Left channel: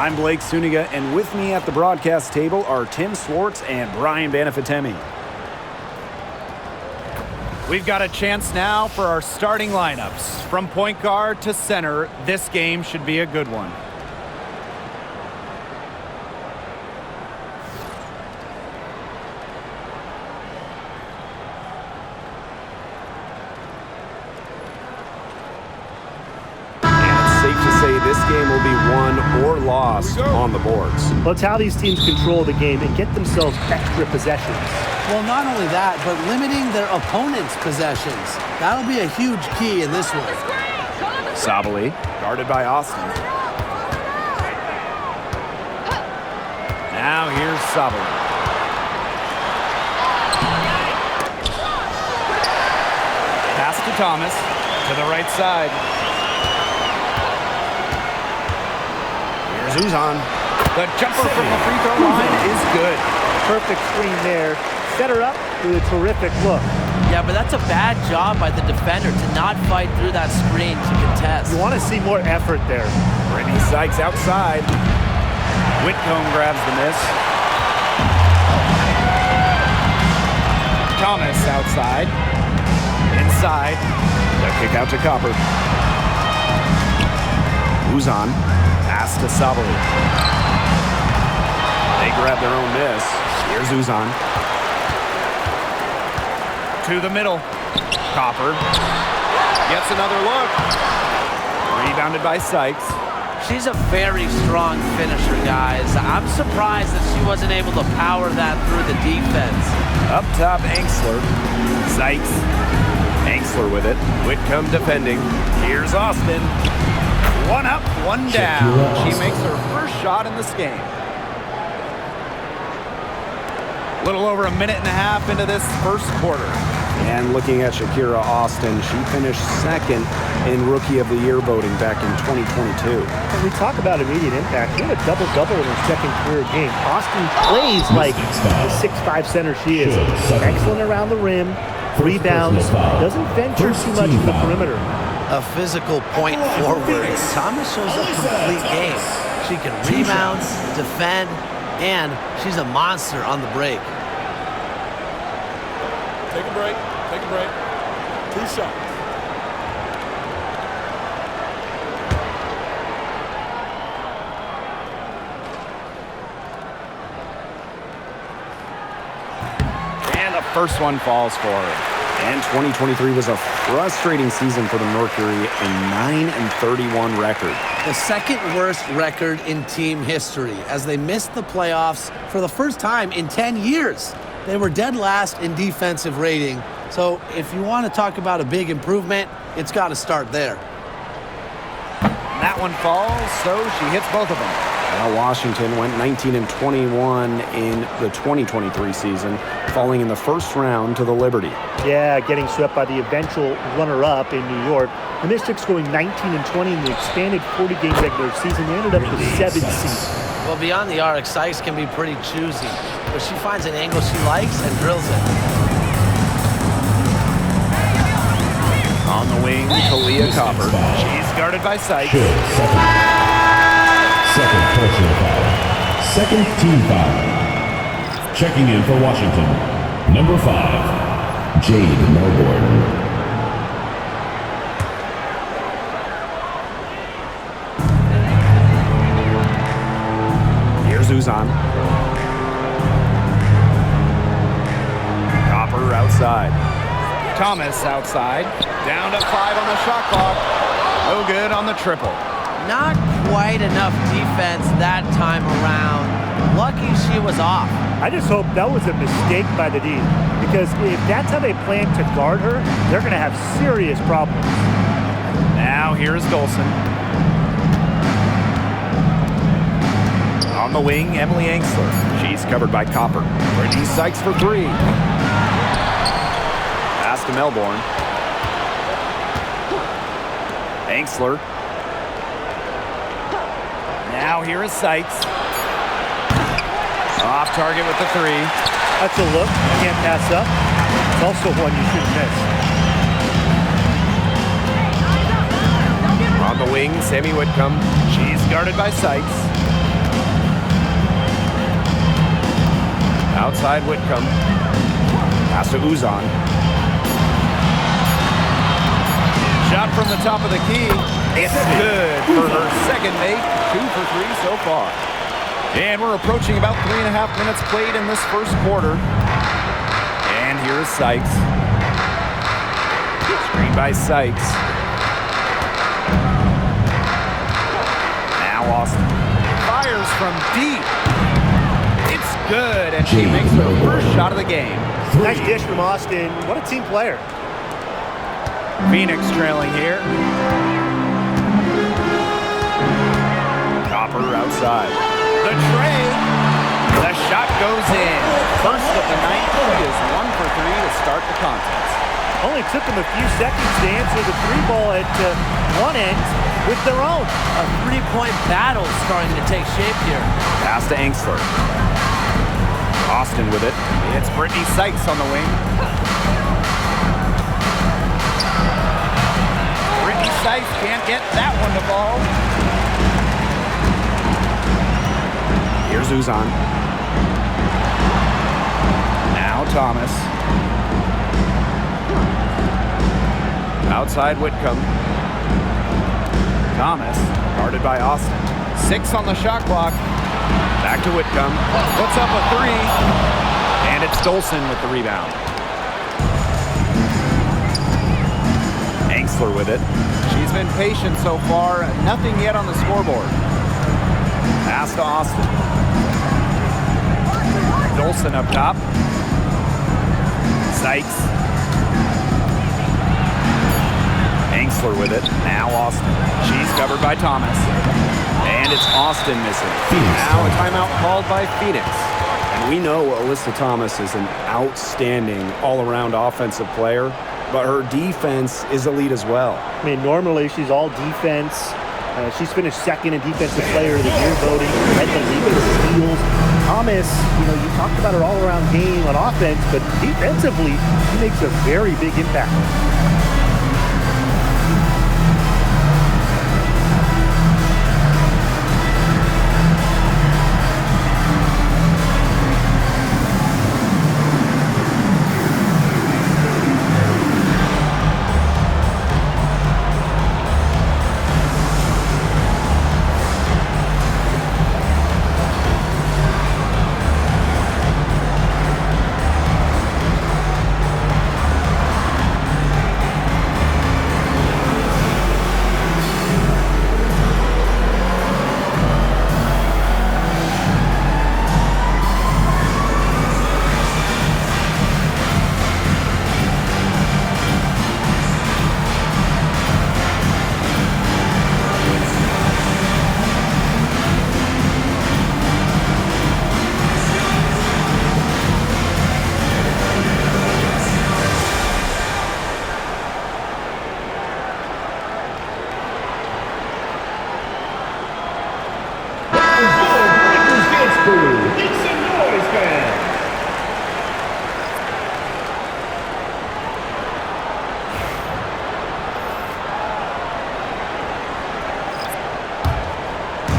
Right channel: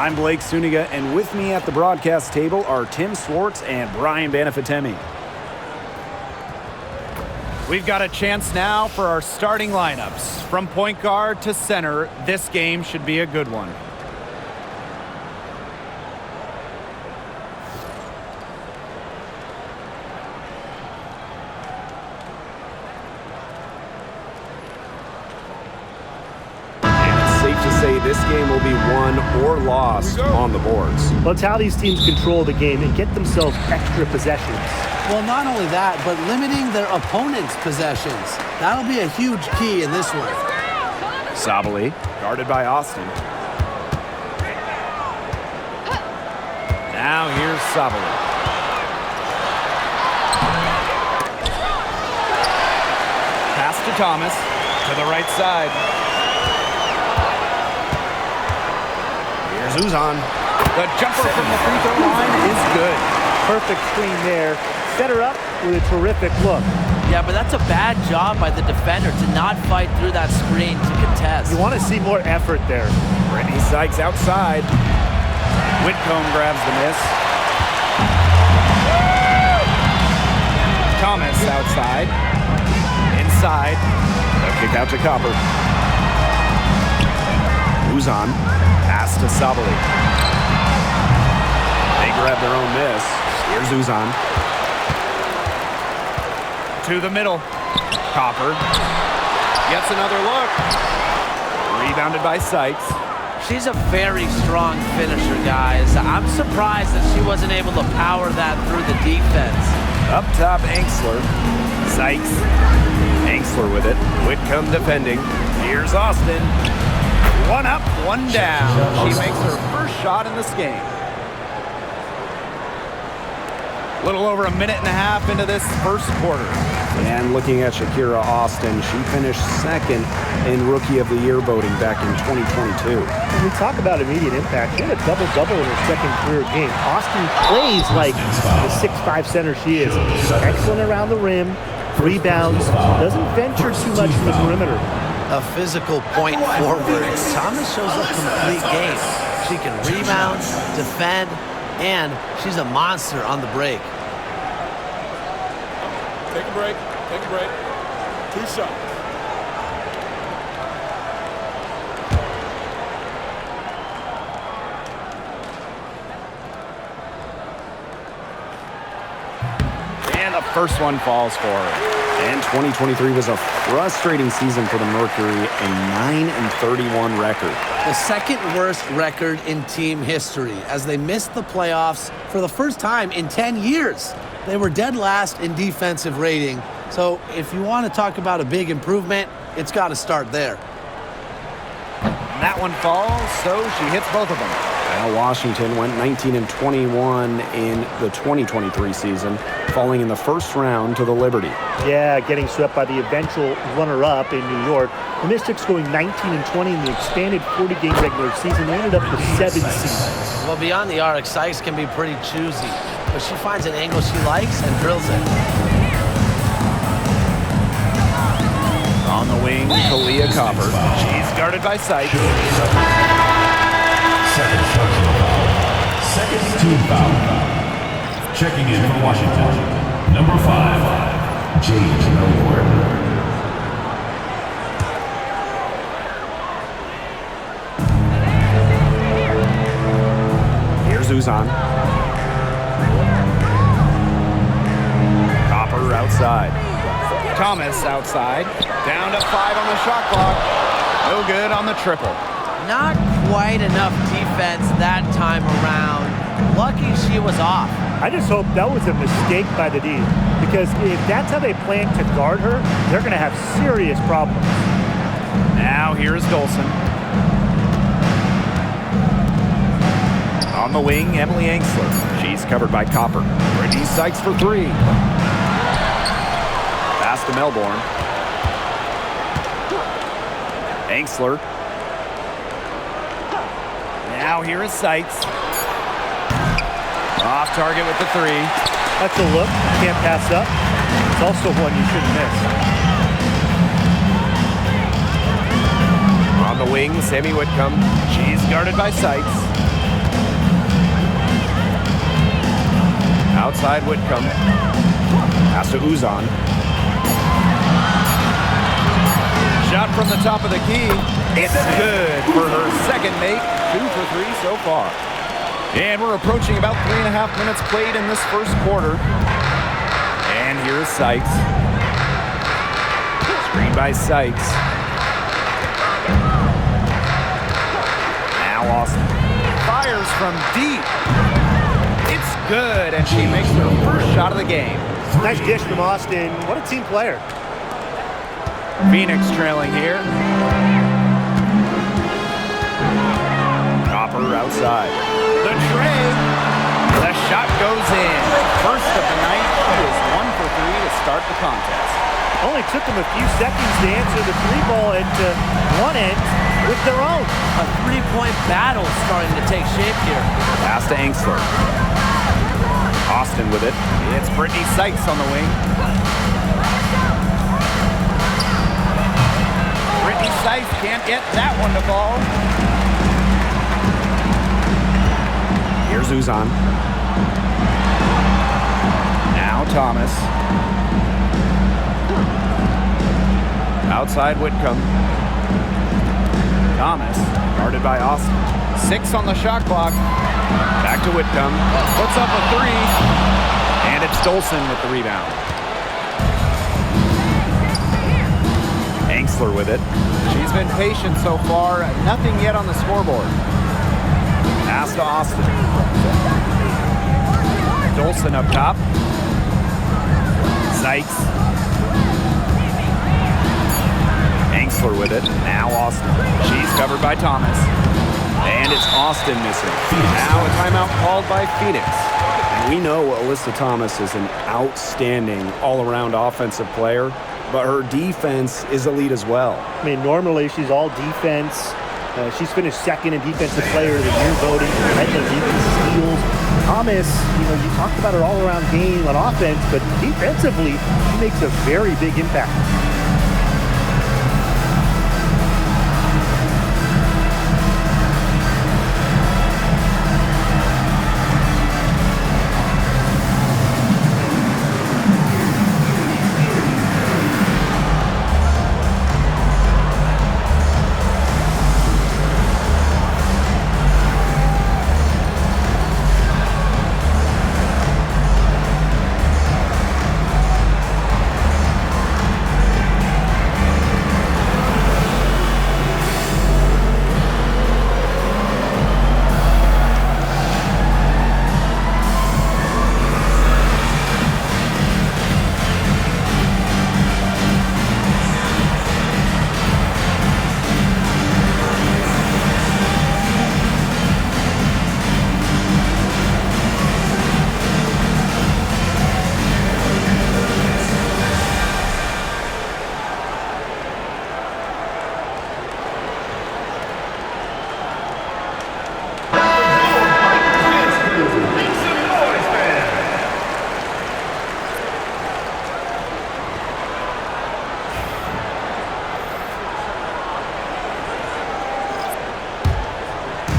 I'm Blake Suniga, and with me at the broadcast table are Tim Swartz and Brian Banafitemi. We've got a chance now for our starting lineups. From point guard to center, this game should be a good one. Safe to say this game will be won or lost on the boards. Well, it's how these teams control the game and get themselves extra possessions. Well, not only that, but limiting their opponent's possessions. That'll be a huge key in this one. Sabali, guarded by Austin. Now here's Sabali. Pass to Thomas, to the right side. Here's Uzan. The jumper from the free throw line is good. Perfect screen there. Set her up with a terrific look. Yeah, but that's a bad job by the defender to not fight through that screen to contest. You want to see more effort there. Brittany Sykes outside. Whitcomb grabs the miss. Thomas outside. Inside. The kick out to Copper. Uzan. Pass to Sabali. They grab their own miss. Here's Uzan. To the middle. Copper. Gets another look. Rebounded by Sykes. She's a very strong finisher, guys. I'm surprised that she wasn't able to power that through the defense. Up top, Angsler. Sykes. Angsler with it. Whitcomb defending. Here's Austin. One up, one down. She makes her first shot in this game. A little over a minute and a half into this first quarter. And looking at Shakira Austin, she finished second in Rookie of the Year voting back in 2022. When we talk about immediate impact, she had a double-double in her second career game. Austin plays like the 6'5" center she is. Excellent around the rim, rebounds, doesn't venture too much from the perimeter. A physical point forward. Thomas shows a complete game. She can rebound, defend, and she's a monster on the break. Take a break. Take a break. 2 shots. And the first one falls for her. And 2023 was a frustrating season for the Mercury, a 9-31 record. The second worst record in team history as they missed the playoffs for the first time in 10 years. They were dead last in defensive rating. So if you want to talk about a big improvement, it's got to start there. And that one falls, so she hits both of them. Well, Washington went 19-21 in the 2023 season, falling in the first round to the Liberty. Yeah, getting swept by the eventual runner-up in New York. The Mystics going 19-20 in the expanded 40-game regular season. They ended up the 7th seed. Well, beyond the arc, Sykes can be pretty choosy, but she finds an angle she likes and drills it. On the wing, Kalia Copper. She's guarded by Sykes. Second personal foul. Second team foul. Checking in for Washington. Number 5, Jade Melbourne. Here's Uzan. Copper outside. Thomas outside. Down to 5 on the shot clock. No good on the triple. Not quite enough defense that time around. Lucky she was off. I just hope that was a mistake by the D, because if that's how they plan to guard her, they're going to have serious problems. Now here's Dolson. On the wing, Emily Angsler. She's covered by Copper. Brittany Sykes for 3. Pass to Melbourne. Angsler. Now here is Sykes. Off target with the 3. That's a look you can't pass up. It's also one you shouldn't miss. On the wing, Sammy Whitcomb. She's guarded by Sykes. Outside Whitcomb. Pass to Uzan. Shot from the top of the key. It's good for her second make. 2 for 3 so far. And we're approaching about 3.5 minutes played in this first quarter. And here is Sykes. Screen by Sykes. Now Austin. Fires from deep. It's good, and she makes her first shot of the game. Nice dish from Austin. What a team player. Phoenix trailing here. Copper outside. The tray. The shot goes in. First of the night. She is 1 for 3 to start the contest. Only took them a few seconds to answer the three ball at one end with their own. A three-point battle starting to take shape here. Pass to Angsler. Austin with it. It's Brittany Sykes on the wing. Brittany Sykes can't get that one to fall. Here's Uzan. Now Thomas. Outside Whitcomb. Thomas, guarded by Austin. 6 on the shot clock. Back to Whitcomb. Puts up a 3. And it's Dolson with the rebound. Angsler with it. She's been patient so far. Nothing yet on the scoreboard. Pass to Austin. Dolson up top. Sykes. Angsler with it. Now Austin. She's covered by Thomas. And it's Austin missing. Now a timeout called by Phoenix. And we know Alyssa Thomas is an outstanding all-around offensive player, but her defense is elite as well. I mean, normally she's all defense. She's finished second in Defensive Player of the Year voting, led the league in steals. Thomas, you talked about her all-around game on offense, but defensively, she makes a very big impact.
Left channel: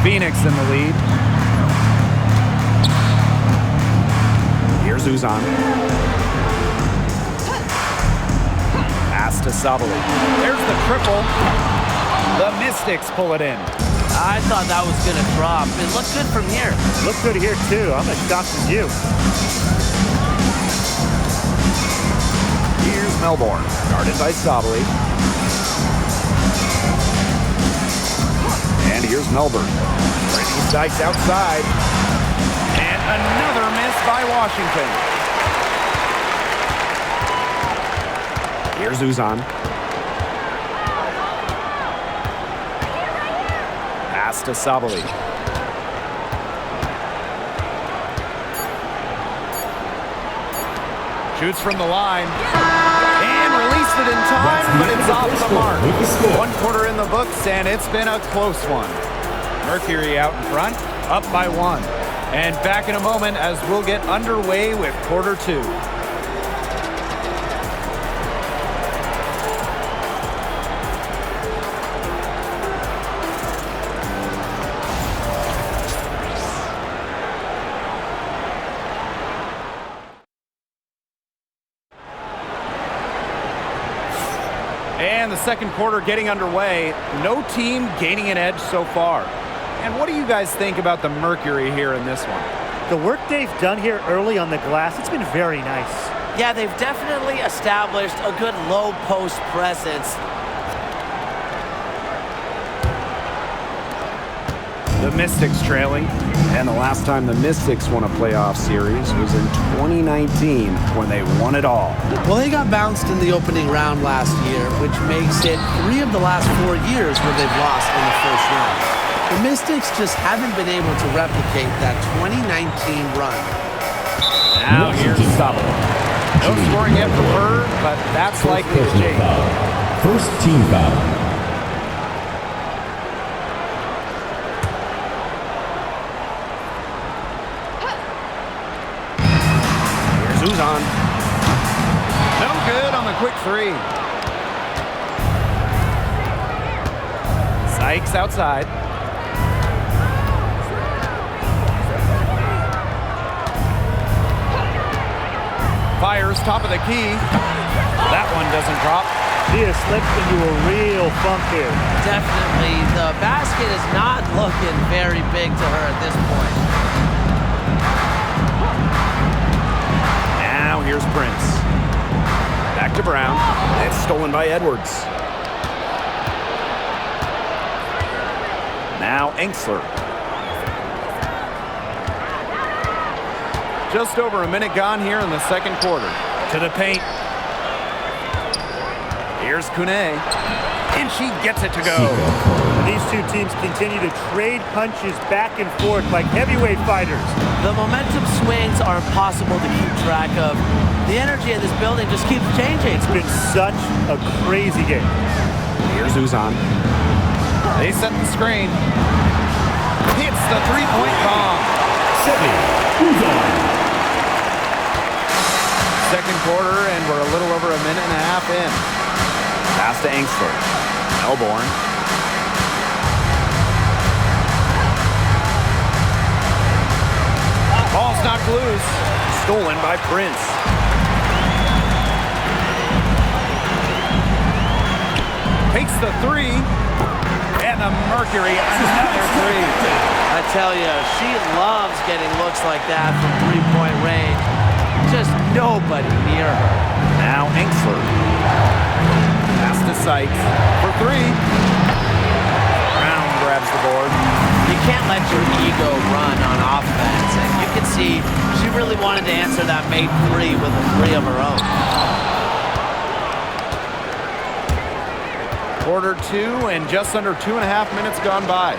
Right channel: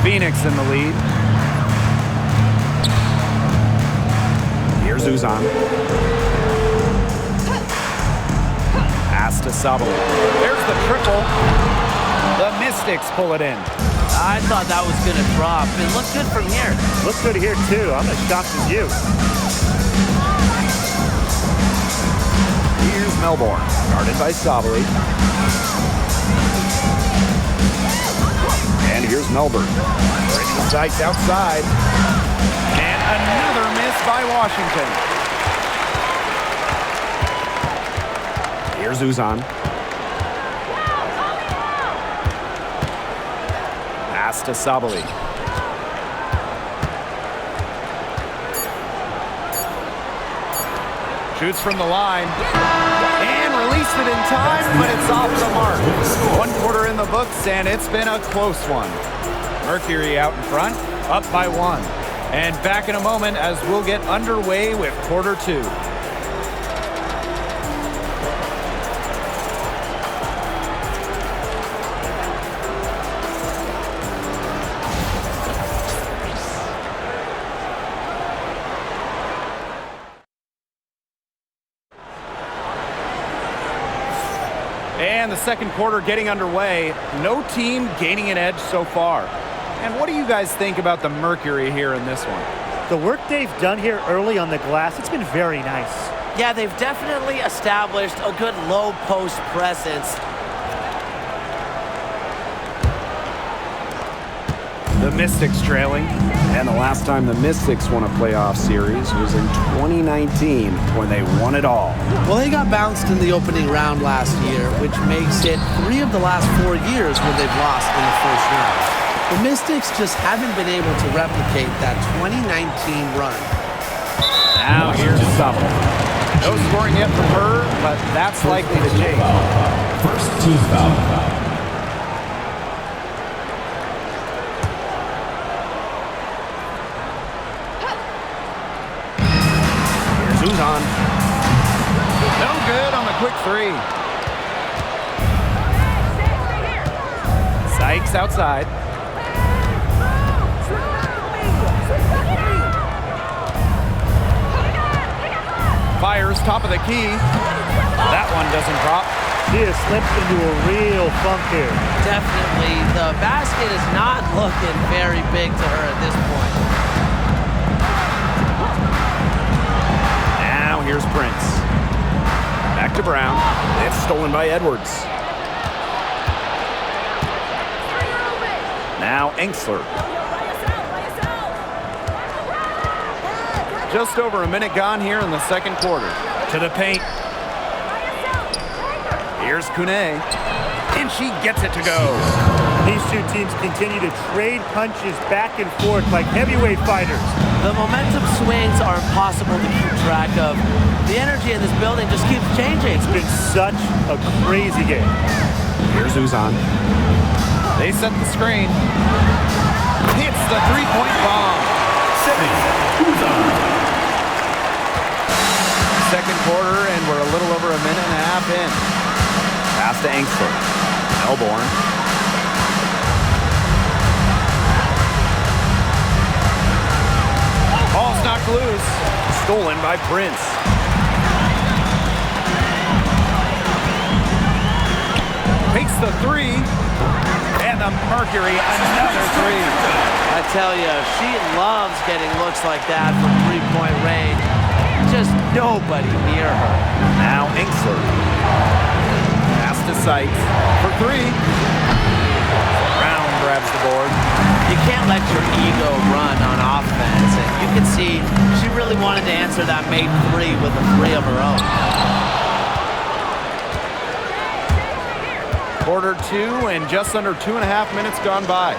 Phoenix in the lead. Here's Uzan. Pass to Sabali. There's the triple. The Mystics pull it in. I thought that was going to drop. It looked good from here. Looks good here, too. I'm as shocked as you. Here's Melbourne, guarded by Sabali. And here's Melbourne. Brittany Sykes outside. And another miss by Washington. Here's Uzan. Pass to Sabali. Shoots from the line. And released it in time, but it's off the mark. 1 quarter in the books, and it's been a close one. Mercury out in front, up by 1. And back in a moment as we'll get underway with quarter 2. And the second quarter getting underway. No team gaining an edge so far. And what do you guys think about the Mercury here in this one? The work they've done here early on the glass, it's been very nice. Yeah, they've definitely established a good low post presence. The Mystics trailing. And the last time the Mystics won a playoff series was in 2019 when they won it all. Well, they got bounced in the opening round last year, which makes it 3 of the last 4 years where they've lost in the first round. The Mystics just haven't been able to replicate that 2019 run. Now here's Suttle. No scoring yet from her, but that's likely to change. First team foul. Here's Uzan. No good on the quick 3. Sykes outside. Fires top of the key. That one doesn't drop. She has slipped into a real funk here. Definitely, the basket is not looking very big to her at this point. Now here's Prince. Back to Brown. It's stolen by Edwards. Now Enksler. Just over a minute gone here in the second quarter. To the paint. Here's Kune. And she gets it to go. And these two teams continue to trade punches back and forth like heavyweight fighters. The momentum swings are impossible to keep track of. The energy in this building just keeps changing. It's been such a crazy game. Here's Uzan. They set the screen. Hits the three-point bomb. Setting. Uzan. Second quarter, and we're a little over a minute and a half in. Pass to Enksler. Melbourne. Ball's knocked loose. Stolen by Prince. Takes the 3. And the Mercury, another 3. I tell you, she loves getting looks like that from three-point range. Just nobody near her. Now Enksler. Pass to Sykes for 3. Brown grabs the board. You can't let your ego run on offense, and you can see she really wanted to answer that made 3 with a 3 of her own. Quarter 2 and just under 2.5 minutes gone by.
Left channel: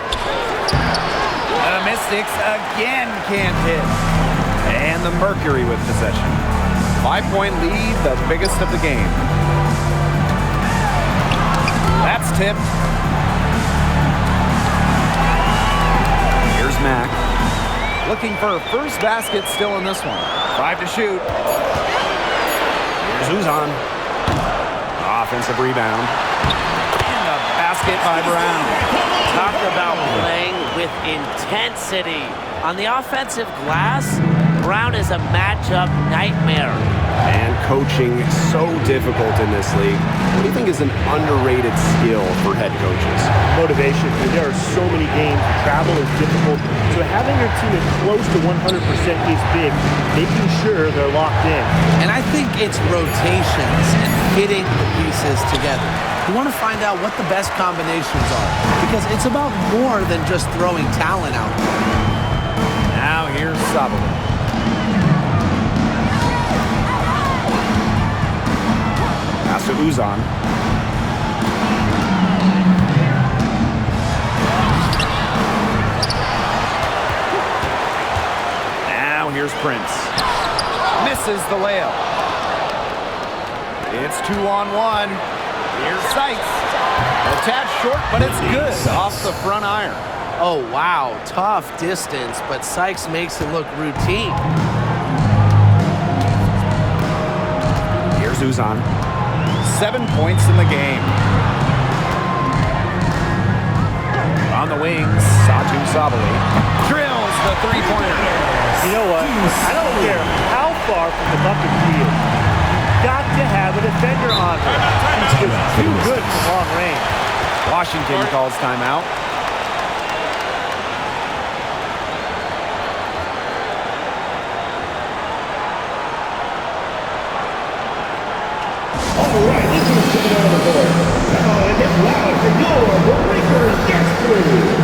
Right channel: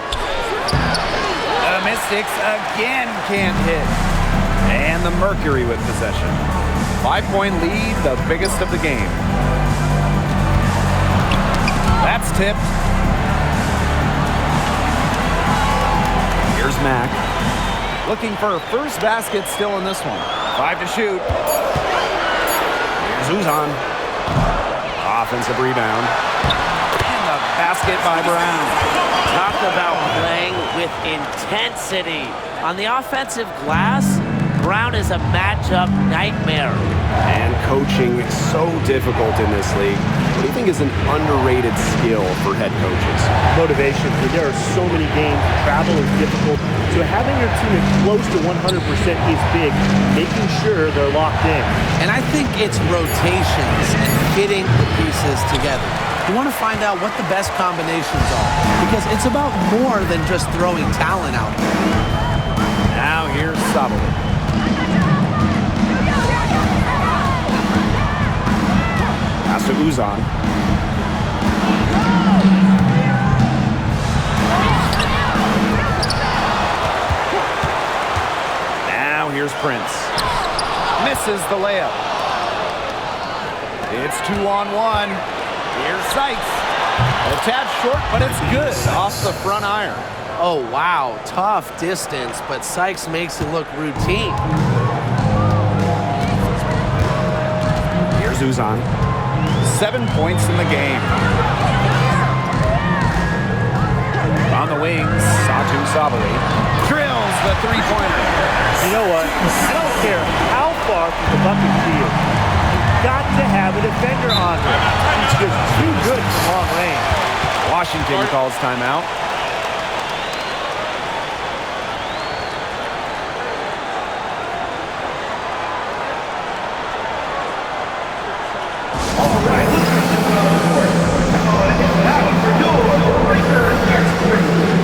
The Mystics again can't hit. And the Mercury with possession. 5-point lead, the biggest of the game. That's tipped. Here's Mack. Looking for her first basket still in this one. 5 to shoot. Here's Uzan. Offensive rebound. And the basket by Brown. Talk about playing with intensity. On the offensive glass, Brown is a matchup nightmare. And coaching so difficult in this league. What do you think is an underrated skill for head coaches? Motivation. There are so many games. Travel is difficult. So having your team at close to 100% is big. Making sure they're locked in. And I think it's rotations and fitting the pieces together. You want to find out what the best combinations are, because it's about more than just throwing talent out there. Now here's Suttle. Pass to Uzan. Now here's Prince. Misses the layup. It's 2-on-1. Here's Sykes. A tad short, but it's good off the front iron. Oh, wow. Tough distance, but Sykes makes it look routine. Here's Uzan. 7 points in the game. On the wings, Satu Sabali drills the three-pointer. You know what? I don't care how far from the bucket she is. You got to have a defender on her. She's just too good from long range. Washington calls timeout. All right, let's get it on the board. Come on, it's loud for your breaker history.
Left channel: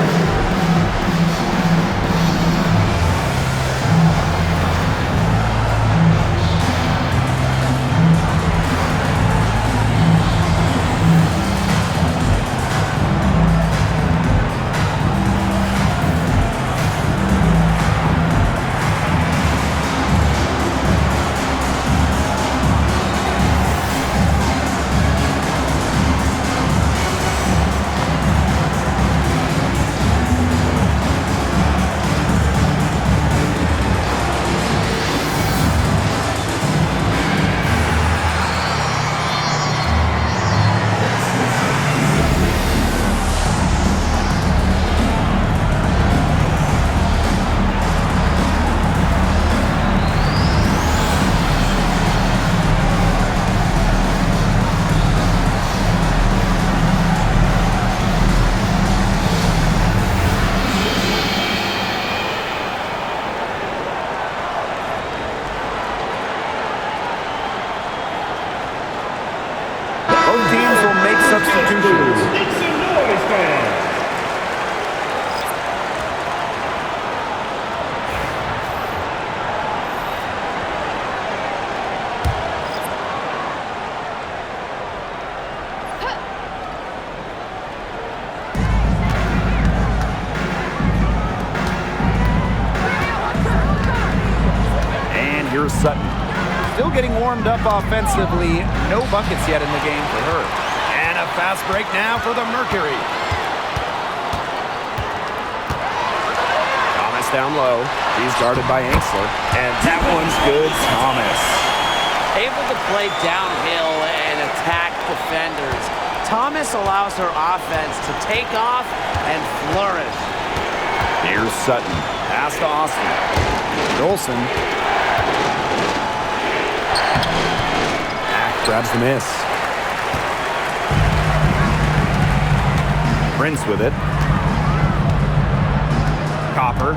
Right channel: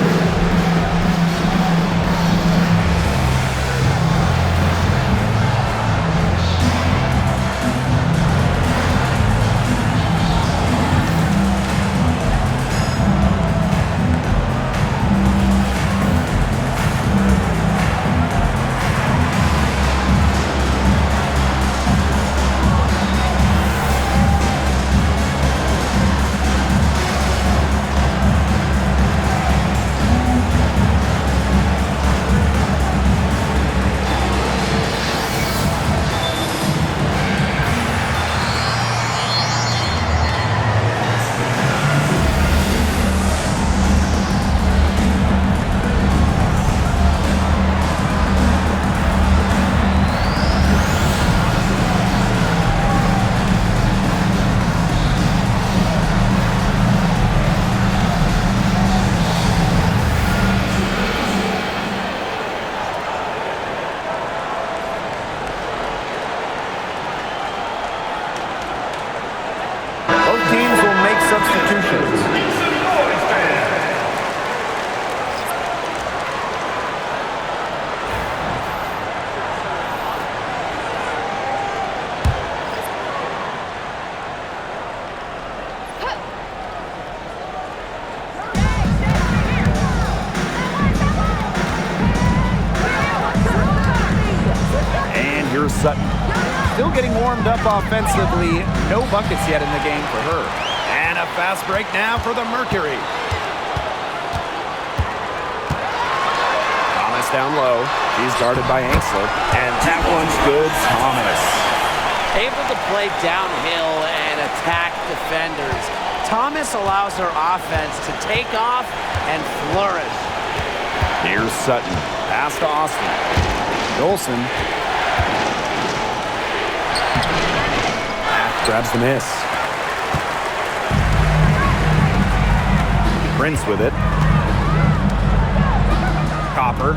Both teams will make substitutions. Make some noise, fans. And here's Sutton. Still getting warmed up offensively. No buckets yet in the game for her. And a fast break now for the Mercury. Thomas down low. She's guarded by Angsler. And that one's good, Thomas. Able to play downhill and attack defenders. Thomas allows her offense to take off and flourish. Here's Sutton. Pass to Austin. Dolson. Back grabs the miss. Prince with it. Copper.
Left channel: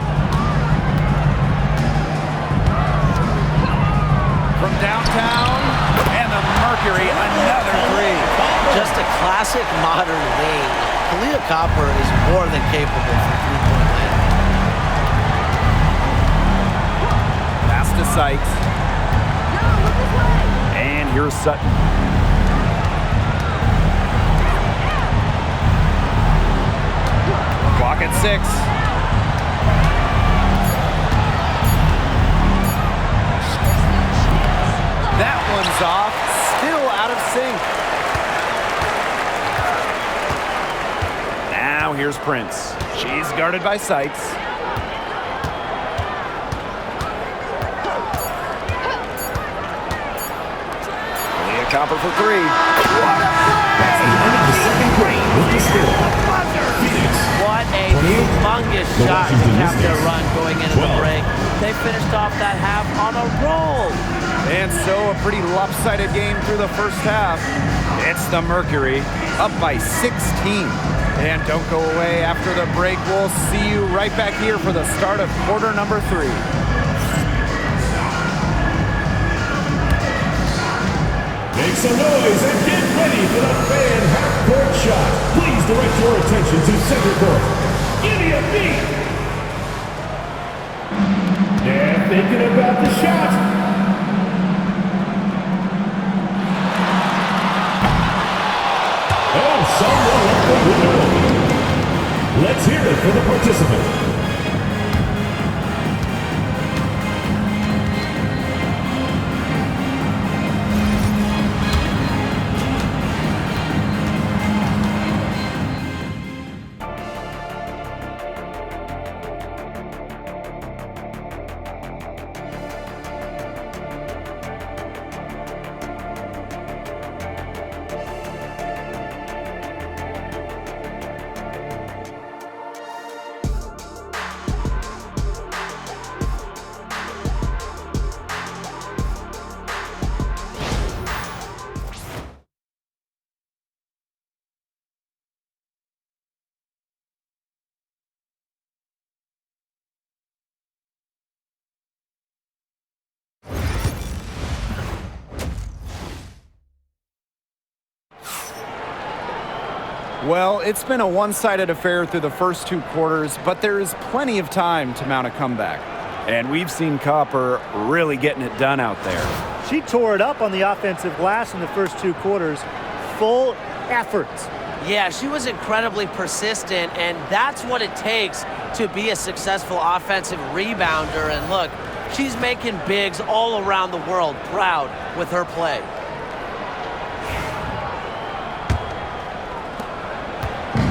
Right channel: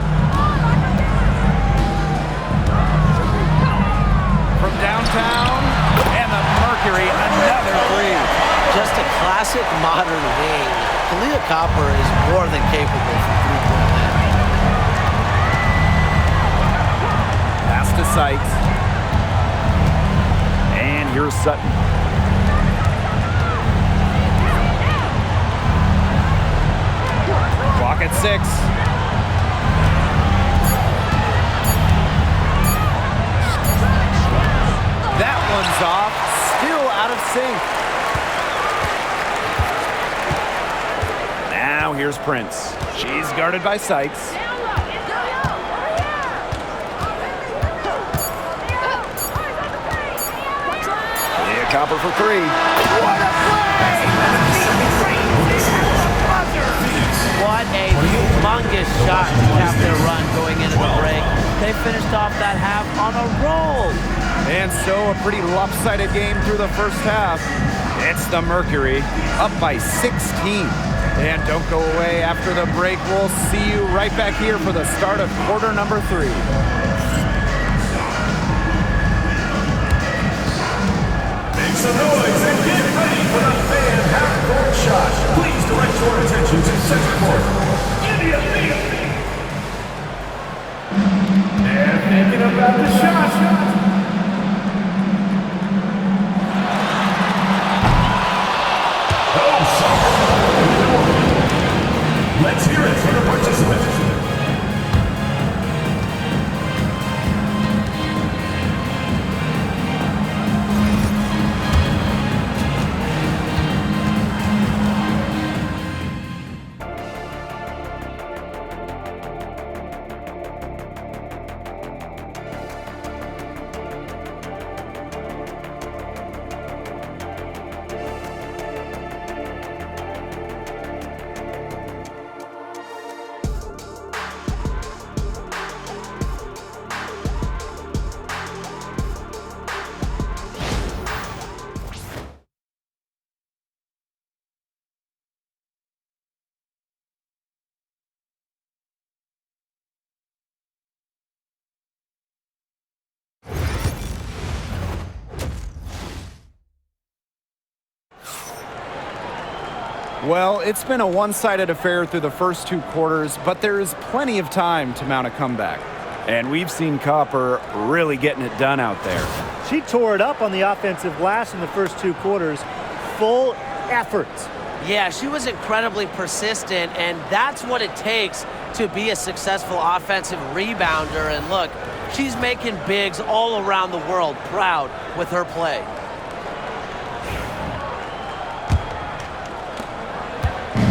From downtown, and the Mercury, another three. Just a classic modern wing. Kalia Copper is more than capable for three-point land. Pass to Sykes. And here's Sutton. Clock at 6. That one's off. Still out of sync. Now here's Prince. She's guarded by Sykes. Leah Copper for three. What a play! What a humongous shot to cap their run going into the break. They finished off that half on a roll. And so a pretty lopsided game through the first half. It's the Mercury, up by 16. And don't go away after the break. We'll see you right back here for the start of quarter number 3. Make some noise and get ready for the fan half-court shot. Please direct your attention to center court. Give me a beat. They're thinking about the shot. Oh, someone. Let's hear it for the participant. Well, it's been a one-sided affair through the first 2 quarters, but there is plenty of time to mount a comeback. And we've seen Copper really getting it done out there. She tore it up on the offensive glass in the first 2 quarters. Full effort. Yeah, she was incredibly persistent, and that's what it takes to be a successful offensive rebounder. And look, she's making bigs all around the world proud with her play.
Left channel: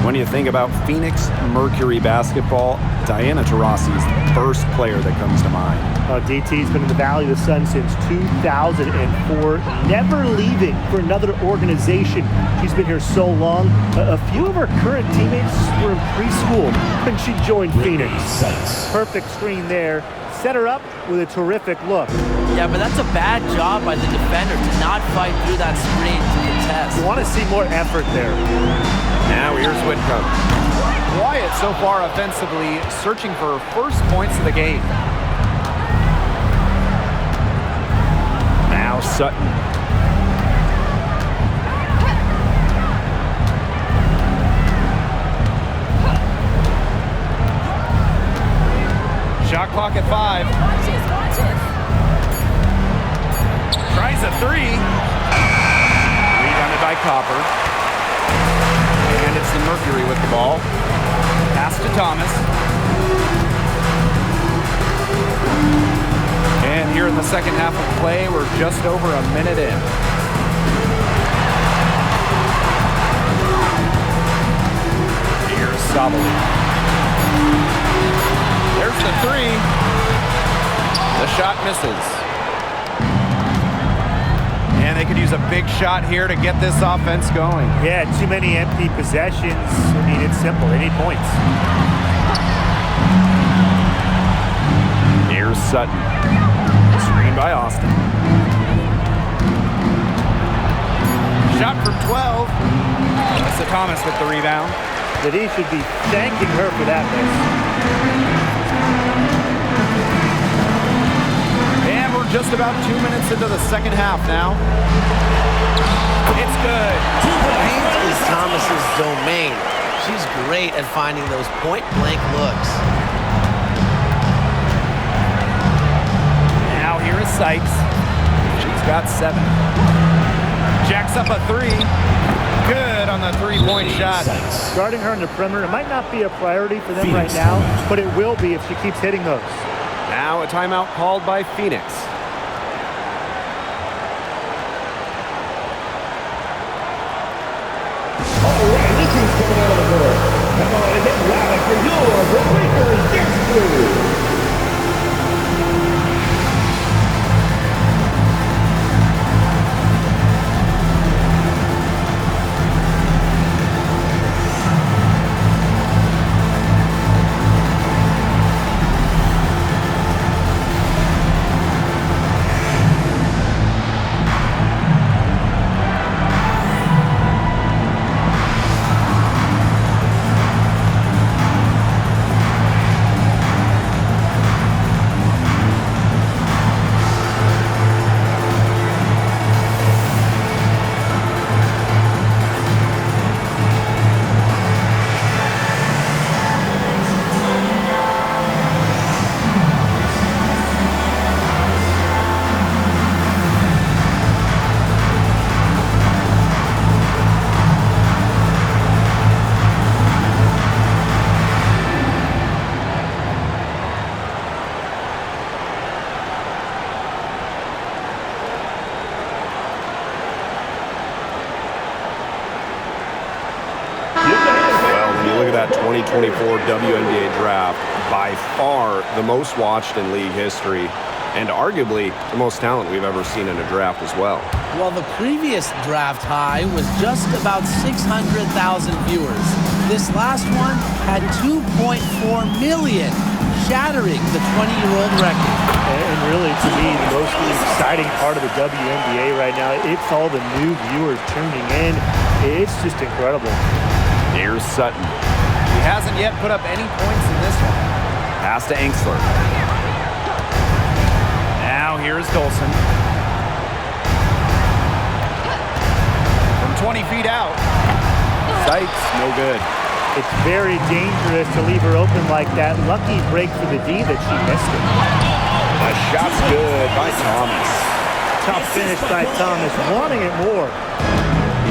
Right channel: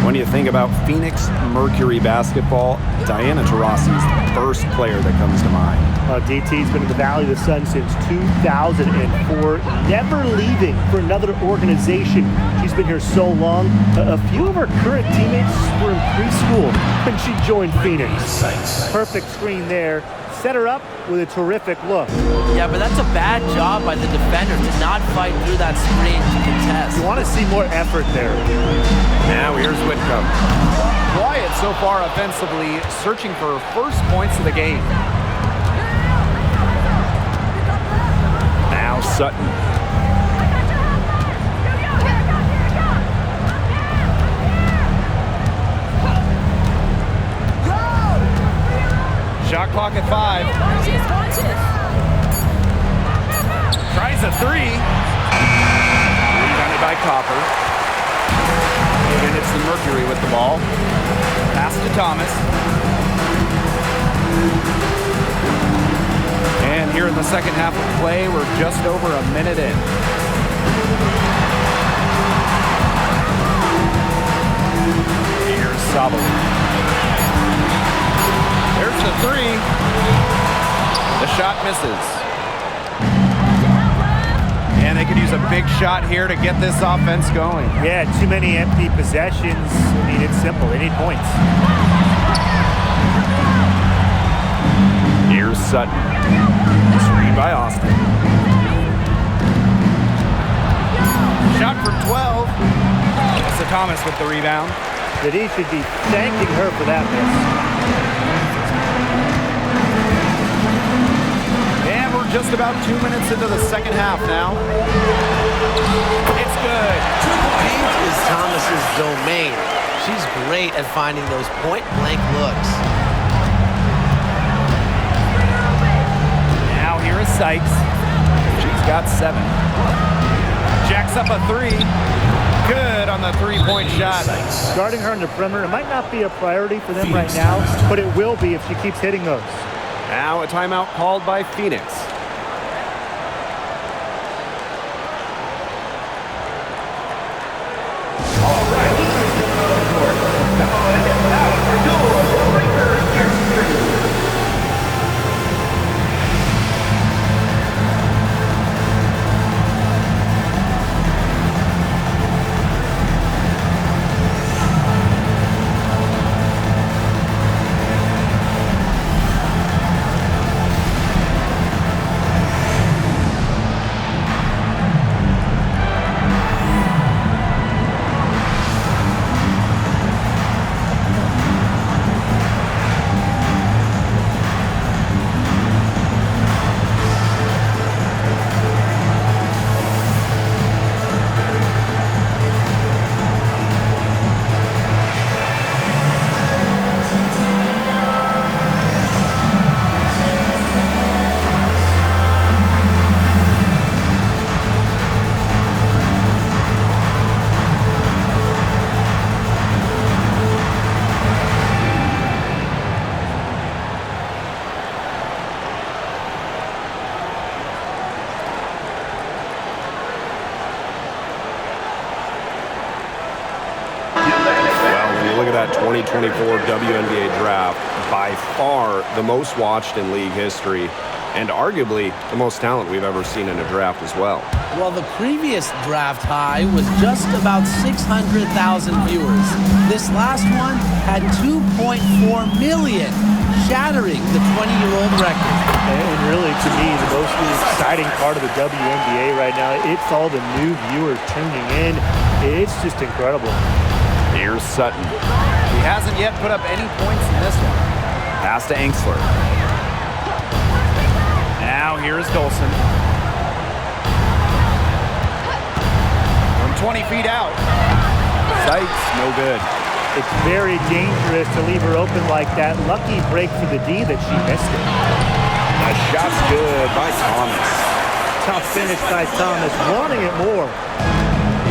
When you think about Phoenix Mercury basketball, Diana Taurasi's the first player that comes to mind. DT's been in the Valley of the Sun since 2004, never leaving for another organization. She's been here so long. A few of her current teammates were in preschool when she joined Phoenix. Perfect screen there. Set her up with a terrific look. Yeah, but that's a bad job by the defender to not fight through that screen to contest. You want to see more effort there. Now here's Whitcomb. Quiet so far offensively, searching for her first points of the game. Now Sutton. Shot clock at 5. Tries a 3. Rebounded by Copper. And it's the Mercury with the ball. Pass to Thomas. And here in the second half of play, we're just over a minute in. Here's Sabali. There's the 3. The shot misses. And they could use a big shot here to get this offense going. Yeah, too many empty possessions. I mean, it's simple. They need points. Here's Sutton. Screen by Austin. Shot from 12. Melissa Thomas with the rebound. That he should be thanking her for that miss. And we're just about 2 minutes into the second half now. It's good. Paint is Thomas's domain. She's great at finding those point-blank looks. Now here is Sykes. She's got 7. Jacks up a 3. Good on the three-point shot. Guarding her on the perimeter, it might not be a priority for them right now, but it will be if she keeps hitting those. Now a timeout called by Phoenix. All right, this is coming out of the court. Come on and get loud for your Breakers next crew. Look at that 2024 WNBA draft, by far the most watched in league history, and arguably the most talent we've ever seen in a draft as well. Well, the previous draft high was just about 600,000 viewers. This last one had 2.4 million, shattering the 20-year-old record. And really, to me, the most exciting part of the WNBA right now, it's all the new viewers tuning in. It's just incredible. Here's Sutton. He hasn't yet put up any points in this one. Pass to Engsler. Now here's Dolson. From 20 feet out. Sykes, no good. It's very dangerous to leave her open like that. Lucky break for the D that she missed it. The shot's good by Thomas. Tough finish by Thomas, wanting it more.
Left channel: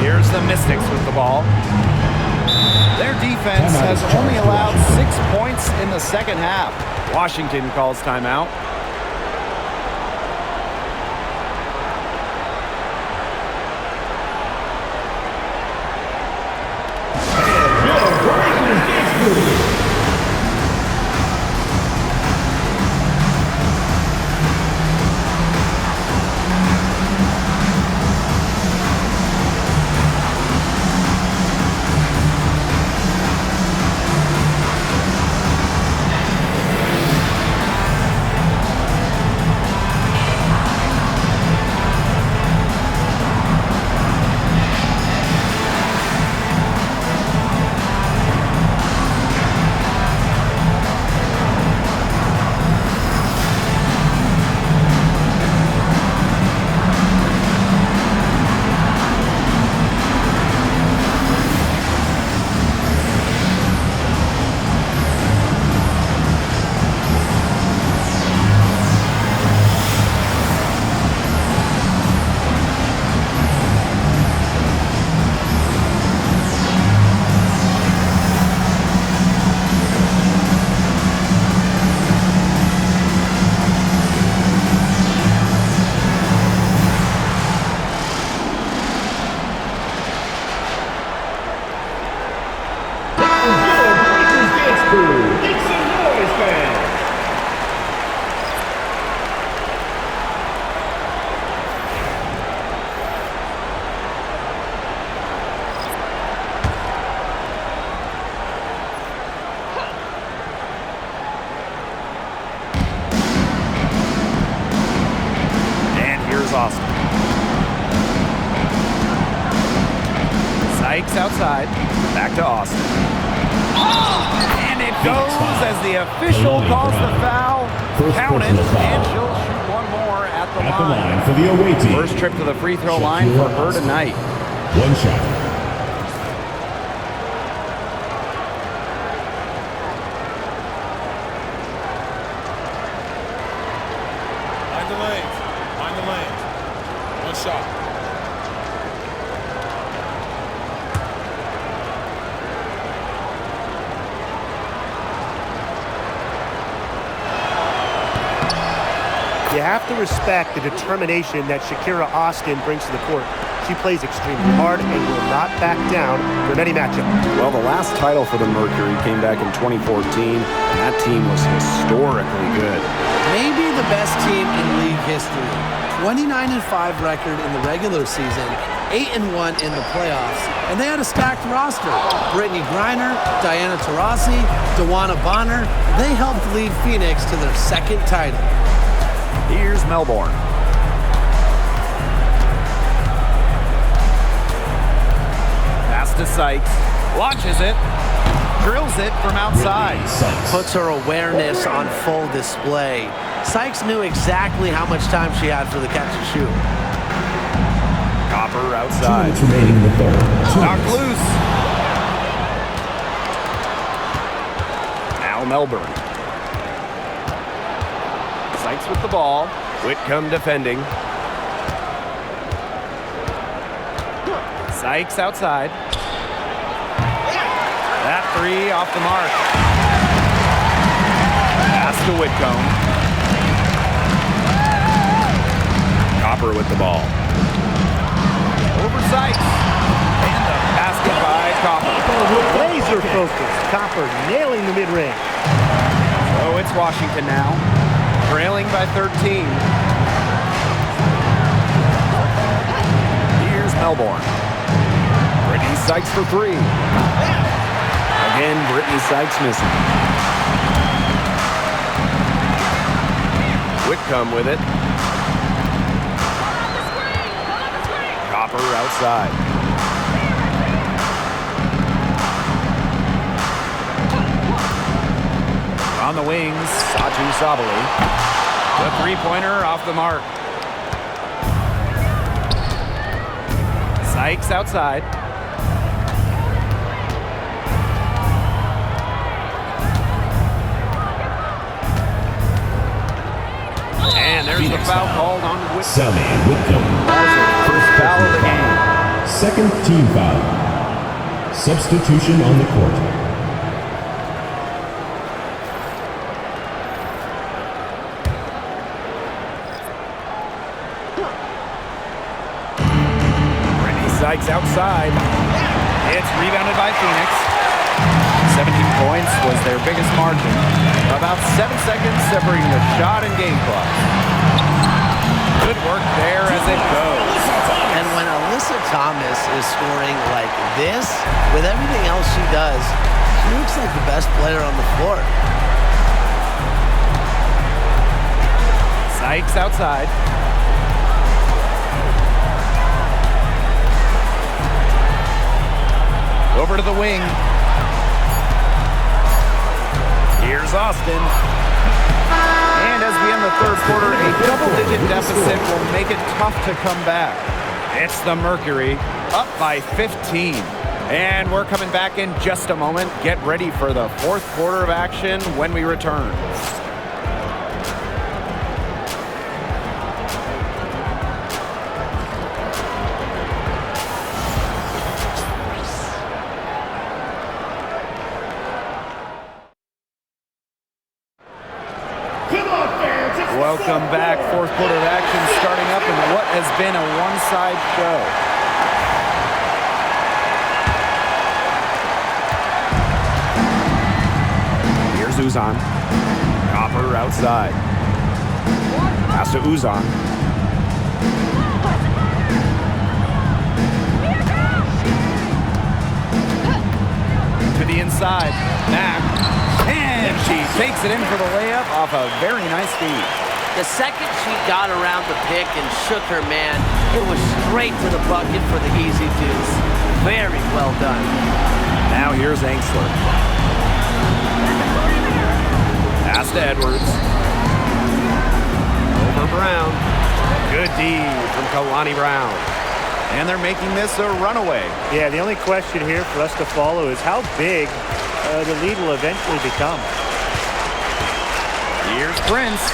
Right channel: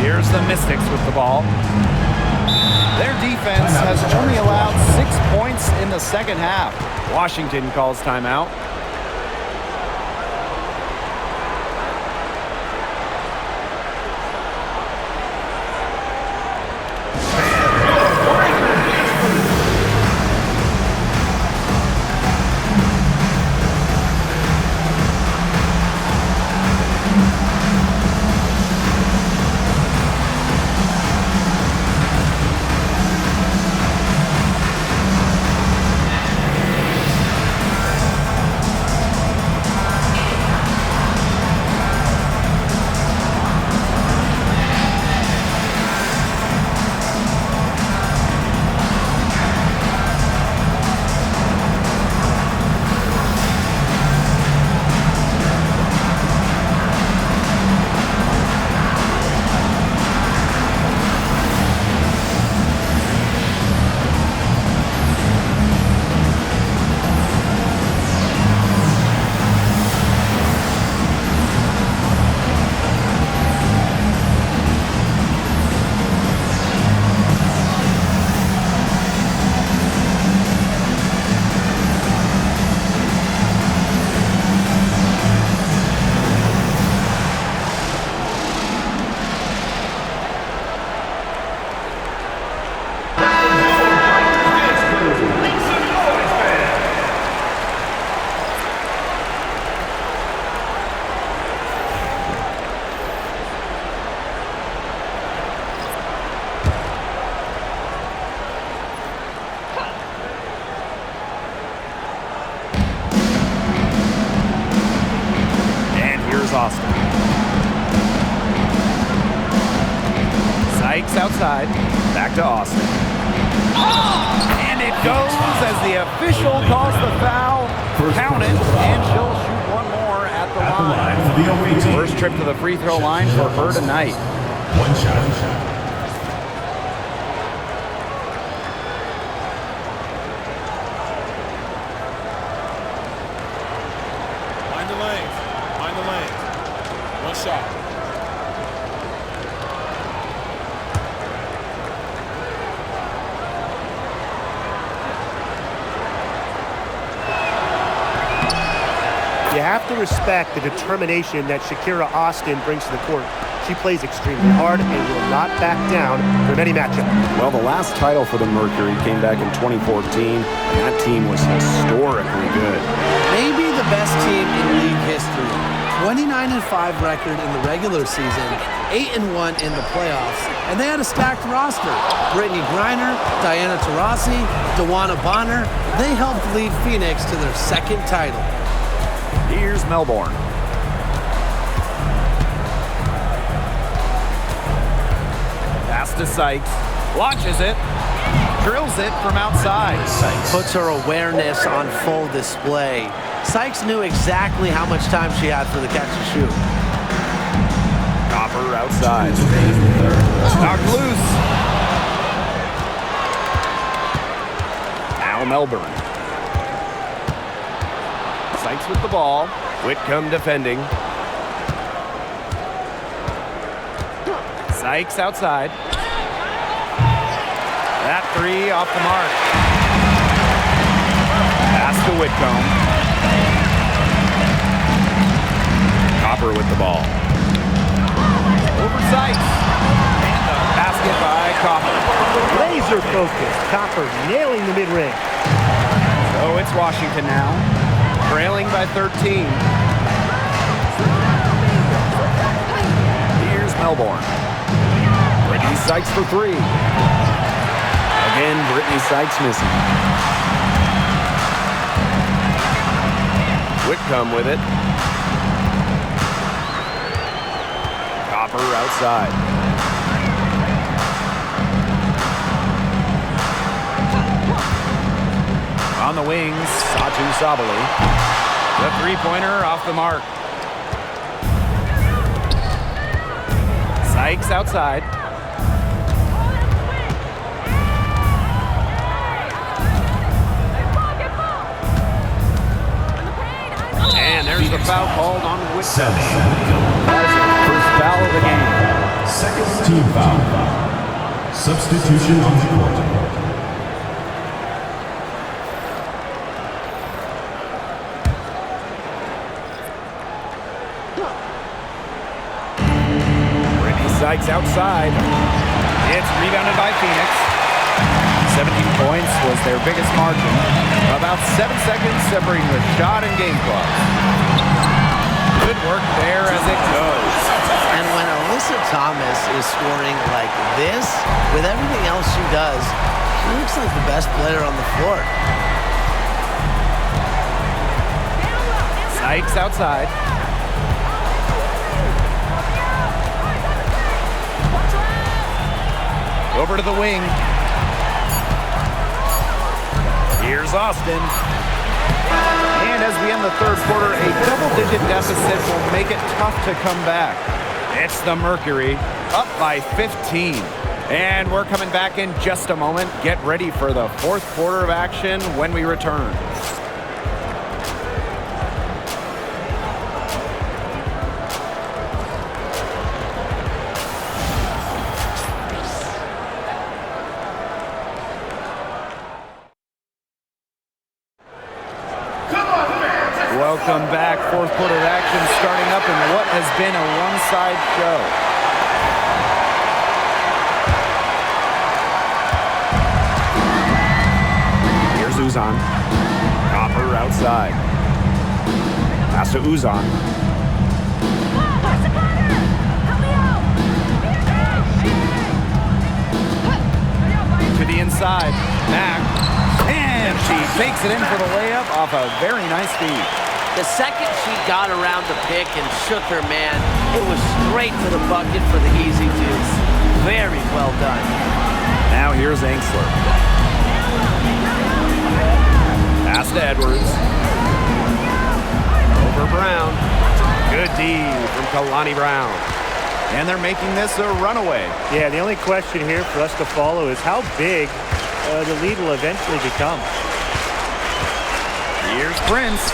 Here's the Mystics with the ball. Their defense has only allowed 6 points in the second half. Washington calls timeout. Austin. Sykes outside. Back to Austin. And it goes as the official calls the foul. Count it, and she'll shoot one more at the line. For the away team. First trip to the free throw line for her tonight. One shot. Mind the lanes. Mind the lanes. One shot. You have to respect the determination that Shakira Austin brings to the court. She plays extremely hard and will not back down from any matchup. Well, the last title for the Mercury came back in 2014, and that team was historically good. Maybe the best team in league history. 29-5 record in the regular season, 8-1 in the playoffs, and they had a stacked roster. Brittany Griner, Diana Taurasi, DeWanna Bonner, they helped lead Phoenix to their second title. Here's Melbourne. Pass to Sykes. Launches it. Drills it from outside. Puts her awareness on full display. Sykes knew exactly how much time she had for the catch and shoot. Copper outside. Knocked loose. Now Melbourne. Sykes with the ball. Whitcomb defending. Sykes outside. That three off the mark. Pass to Whitcomb. Copper with the ball. Over Sykes. And the basket by Copper. Laser focused. Copper nailing the mid-range. So it's Washington now. Trailing by 13. Here's Melbourne. Brittany Sykes for three. Again, Brittany Sykes missing. Whitcomb with it. Copper outside. On the wings, Satu Sabali. The three-pointer off the mark. Sykes outside. foul called on Whitcomb. Sammy Whitcomb. That is her first foul of the game. Second team foul. Substitution on the court. Brittany Sykes outside. It's rebounded by Phoenix. 17 points was their biggest margin. About 7 seconds separating the shot and game clocks. Good work there as it goes. And when Alyssa Thomas is scoring like this, with everything else she does, she looks like the best player on the floor. Sykes outside. Over to the wing. Here's Austin. And as we end the third quarter, a double-digit deficit will make it tough to come back. It's the Mercury, up by 15. And we're coming back in just a moment. Get ready for the fourth quarter of action when we return. Welcome back. Fourth quarter of action starting up in what has been a one-side show. Here's Uzan. Copper outside. Pass to Uzan. To the inside. Back. And she takes it in for the layup off a very nice feed. The second she got around the pick and shook her man, it was straight to the bucket for the easy deuce. Very well done. Now here's Angsler. Pass to Edwards. Over Brown. Good D from Kalani Brown. And they're making this a runaway. Yeah, the only question here for us to follow is how big the lead will eventually become. Here's Prince.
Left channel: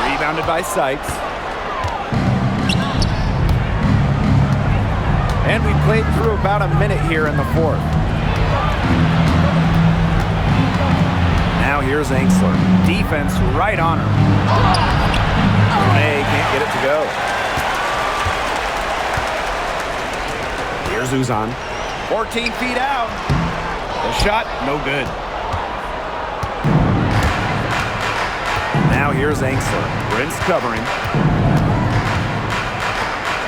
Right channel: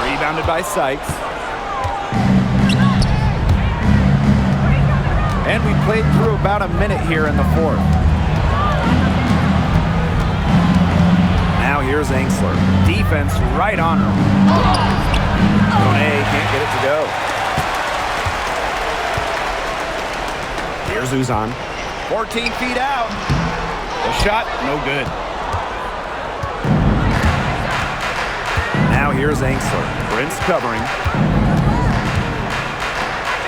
Rebounded by Sykes. And we played through about a minute here in the fourth. Now here's Angsler. Defense right on her. Monet can't get it to go. Here's Uzan. 14 feet out. The shot, no good. Now here's Angsler. Prince covering.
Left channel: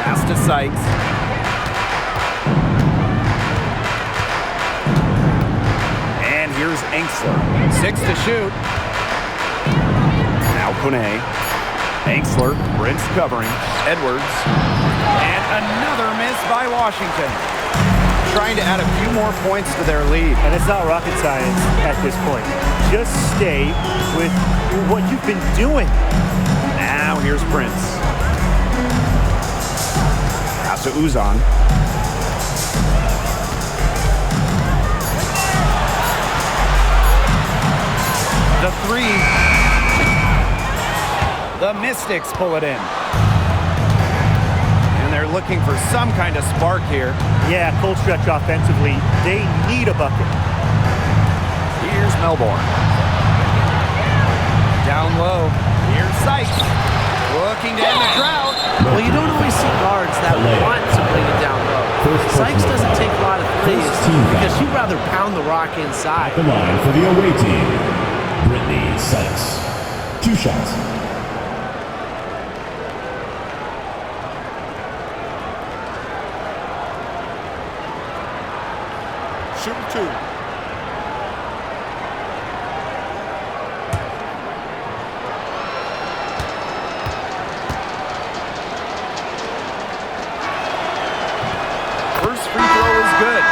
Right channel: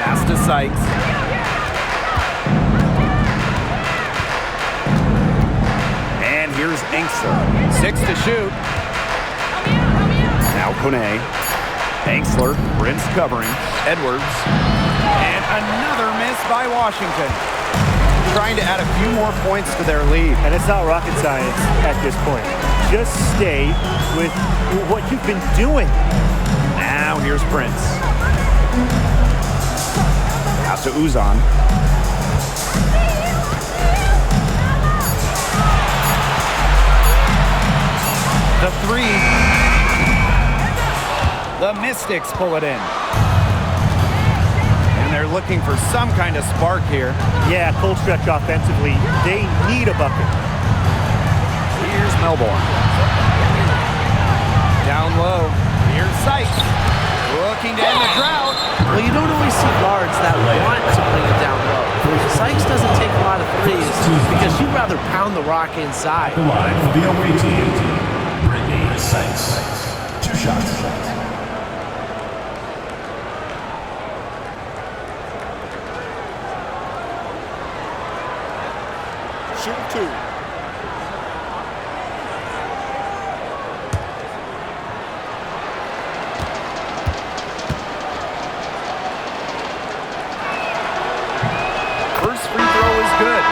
Pass to Sykes. And here's Angsler. 6 to shoot. Now Kone. Angsler. Prince covering. Edwards. And another miss by Washington. Trying to add a few more points to their lead. And it's not rocket science at this point. Just stay with what you've been doing. Now here's Prince. Pass to Uzan. The three. The Mystics pull it in. And they're looking for some kind of spark here. Yeah, cold stretch offensively. They need a bucket. Here's Melbourne. Down low. Here's Sykes. Looking to end the drought. Well, you don't always see guards that want to bring it down low. Sykes doesn't take a lot of threes because she'd rather pound the rock inside. The line for the away team, Brittany Sykes. 2 shots. Shooting 2. First free throw is good.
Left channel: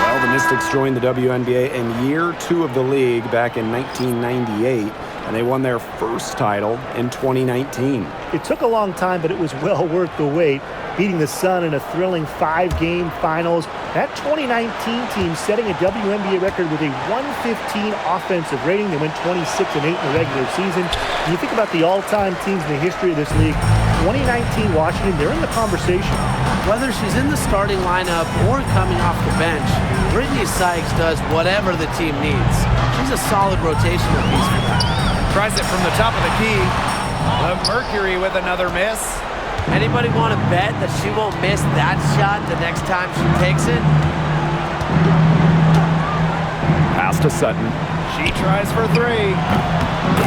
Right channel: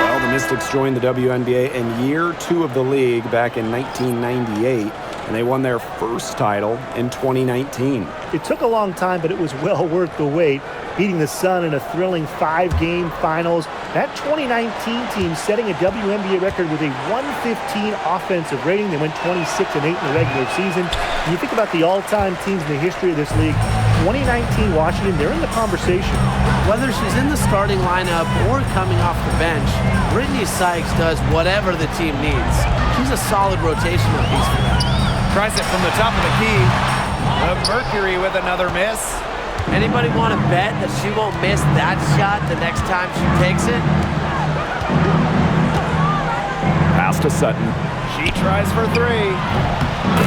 Well, the Mystics joined the WNBA in year 2 of the league back in 1998. and they won their first title in 2019. It took a long time, but it was well worth the wait, beating the Sun in a thrilling 5-game finals. That 2019 team setting a WNBA record with a 115 offensive rating. They went 26-8 in the regular season. When you think about the all-time teams in the history of this league, 2019 Washington, they're in the conversation. Whether she's in the starting lineup or coming off the bench, Brittany Sykes does whatever the team needs. She's a solid rotational piece for them. Tries it from the top of the key. The Mercury with another miss. Anybody want to bet that she won't miss that shot the next time she takes it? Pass to Sutton. She tries for 3.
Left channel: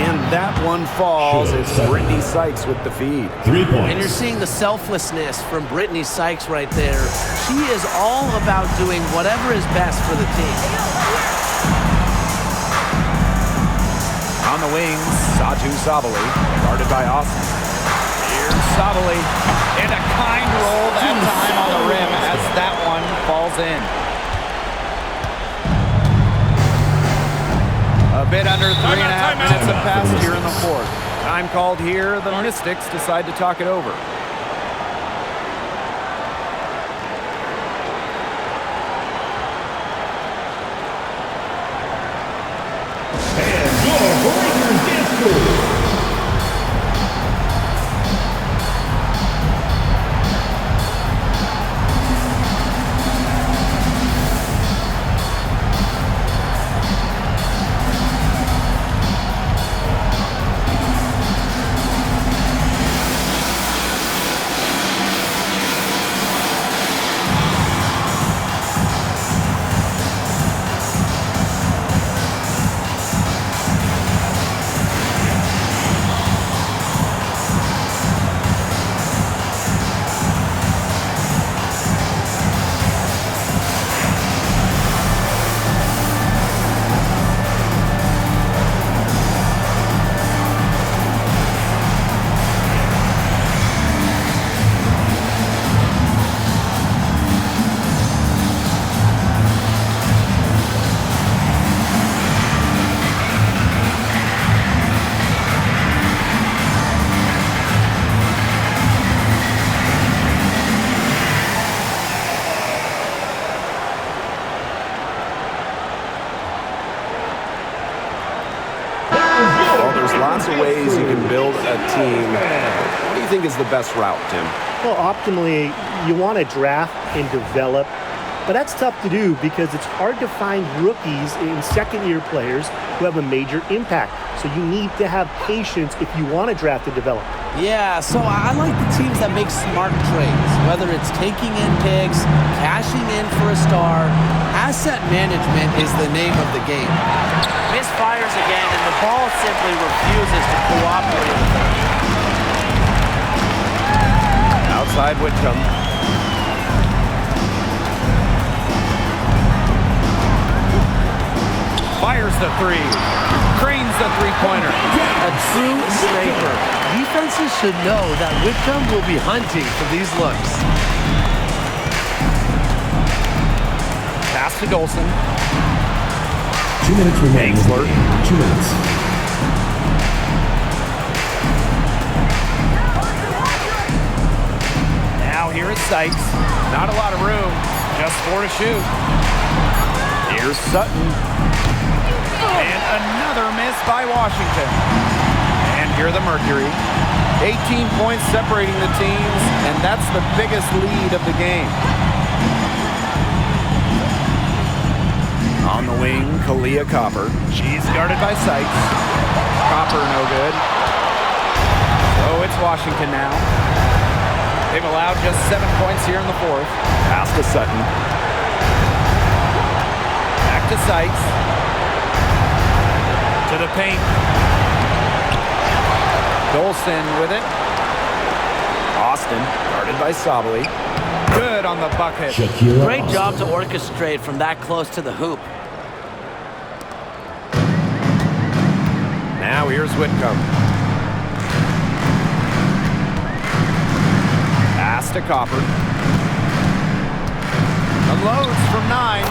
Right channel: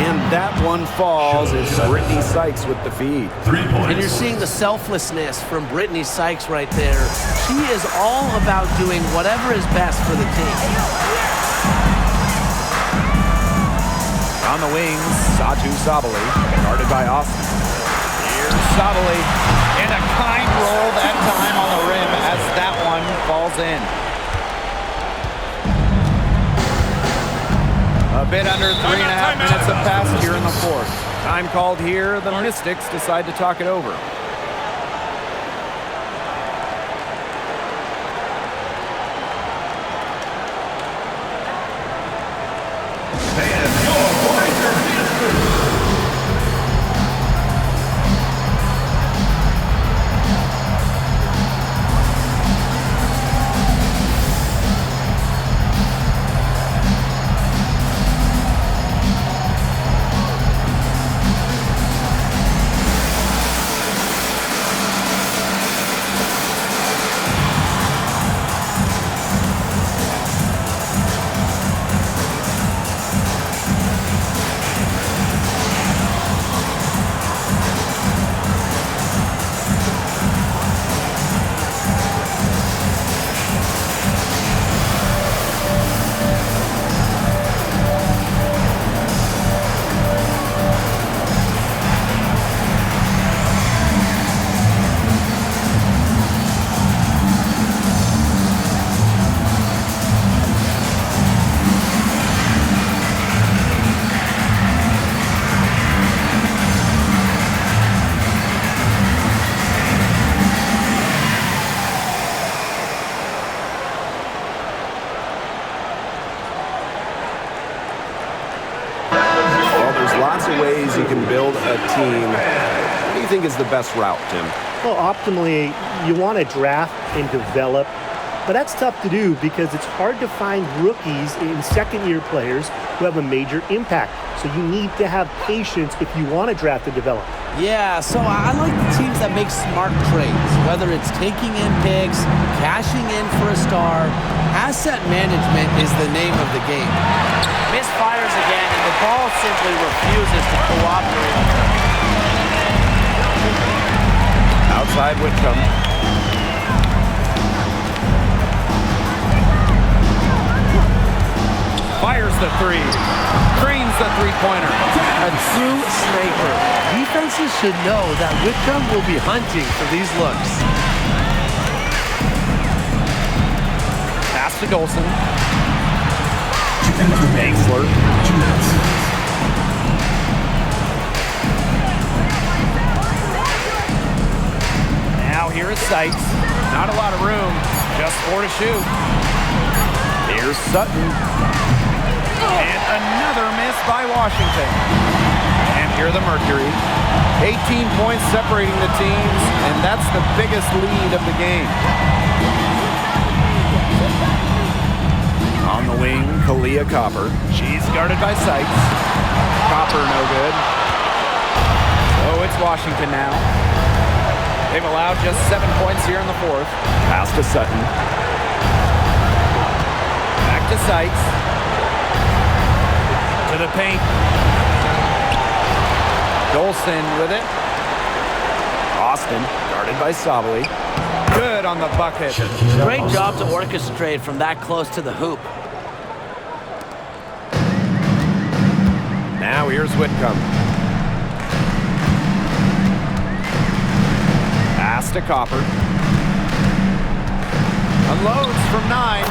And that one falls. It's Brittany Sykes with the feed. 3 points. And you're seeing the selflessness from Brittany Sykes right there. She is all about doing whatever is best for the team. On the wings, Satu Sabali, guarded by Austin. Here's Sabali, and a kind roll that time on the rim as that one falls in. A bit under 3.5 minutes have passed here in the fourth. Time called here. The Mystics decide to talk it over. Lots of ways you can build a team. What do you think is the best route, Tim? Well, optimally, you want to draft and develop, but that's tough to do because it's hard to find rookies and second-year players who have a major impact. So you need to have patience if you want to draft and develop. Yeah, so I like the teams that make smart trades, whether it's taking in picks, cashing in for a star. Asset management is the name of the game. Misfires again, and the ball simply refuses to cooperate with her. Outside Whitcomb. Fires the 3. Cranes the three-pointer. A true sniper. Defenses should know that Whitcomb will be hunting for these looks. Pass to Golson. 2 minutes remaining. 2 minutes. Now here is Sykes. Not a lot of room, just 4 to shoot. Here's Sutton. And another miss by Washington. And here the Mercury. 18 points separating the teams, and that's the biggest lead of the game. On the wing, Kalia Copper. She's guarded by Sykes. Copper no good. So it's Washington now. They've allowed just 7 points here in the fourth. Pass to Sutton. Back to Sykes. To the paint. Dolson with it. Austin, guarded by Sabali. Good on the bucket. Great job to orchestrate from that close to the hoop. Now here's Whitcomb. Pass to Copper. Unloads from 9.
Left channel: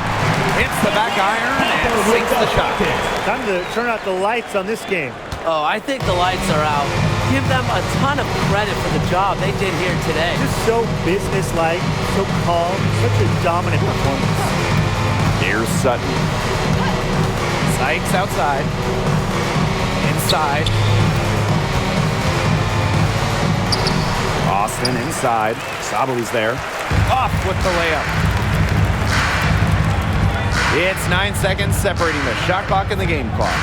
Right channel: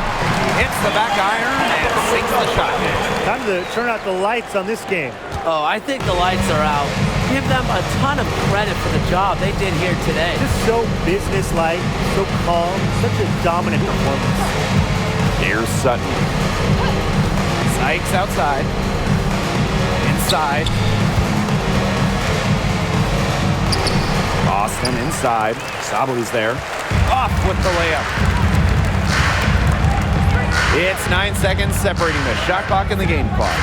Hits the back iron and sinks the shot. Time to turn out the lights on this game. Oh, I think the lights are out. Give them a ton of credit for the job they did here today. Just so businesslike, so calm, such a dominant performance. Here's Sutton. Sykes outside. Inside. Austin inside. Sabali's there. Off with the layup. It's 9 seconds separating the shot clock and the game clock.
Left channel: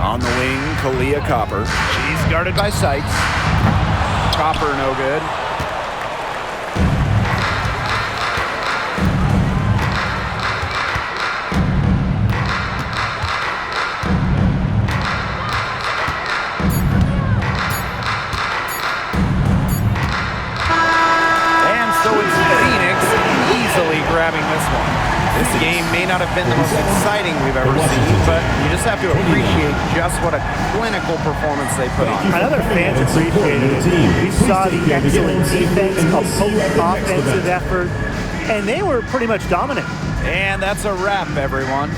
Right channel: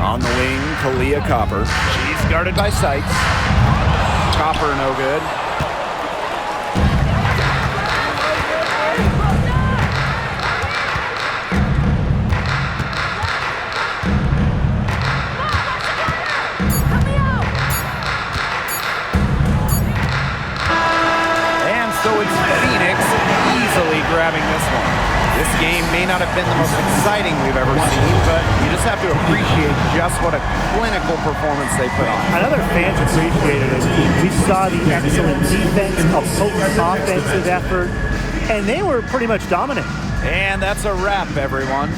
On the wing, Kalia Copper. She's guarded by Sykes. Copper no good. And so it's Phoenix easily grabbing this one. This game may not have been the most exciting we've ever seen, but you just have to appreciate just what a clinical performance they put on. I know their fans appreciated it. We saw the excellent defense, a potent offensive effort, and they were pretty much dominant. And that's a wrap, everyone.